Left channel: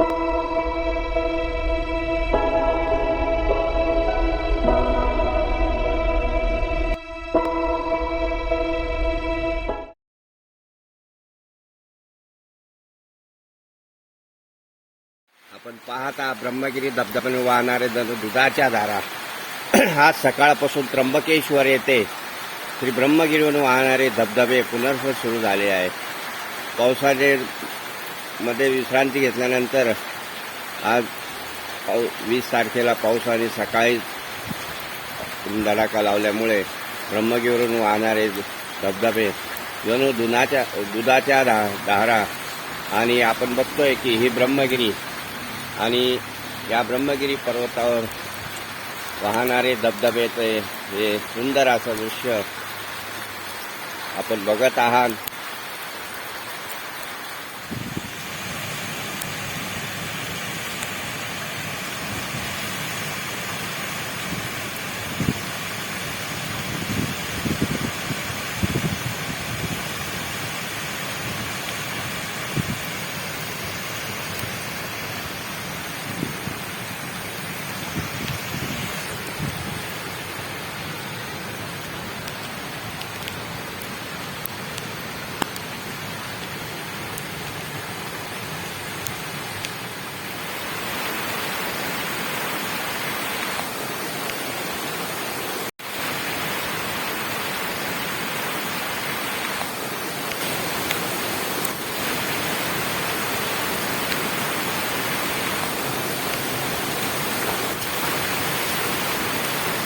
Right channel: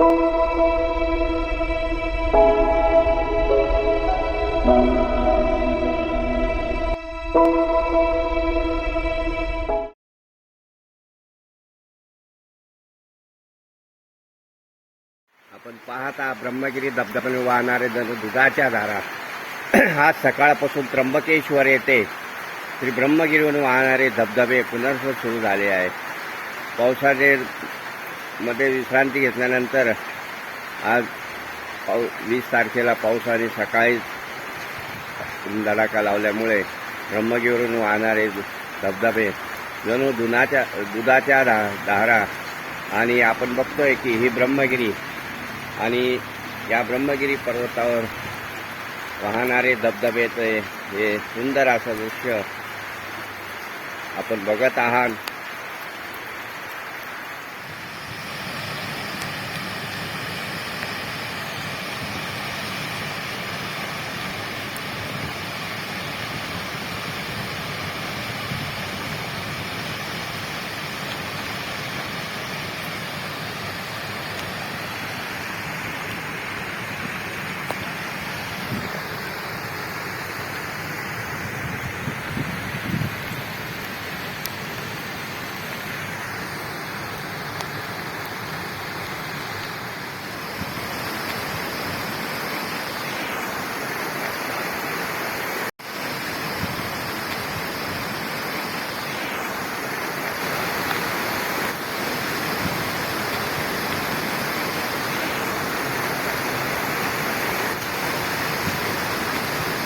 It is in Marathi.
आपण पाहता ब्रह्मगिरी धबधब्याने वाहणारे जणू दुधाच्या धारा आज सकाळपासून त्र्यंबकेश्वर येथे श्री ब्रह्मगिरीवरून वाहणारे धबधबे पुनर्व सुरू झाले आहेत. पावसाचे मध्ये विश्रांती घेतल्यानंतर आज पाऊ वीस तारखेला पावसाने सकाळी धडाका लावल्यामुळे ब्रह्मगिरीवरून वाहणारे धबधबे जणू दुनाच्या दुधाच्या धा धारा आणि आपण बघतोय की ही ब्रह्मगिरी आणि या ब्रह्मगिरी पर्वतावर वाहणारे धबधबेचे हे सुंदर असं दृश्य आपण बघत आहात.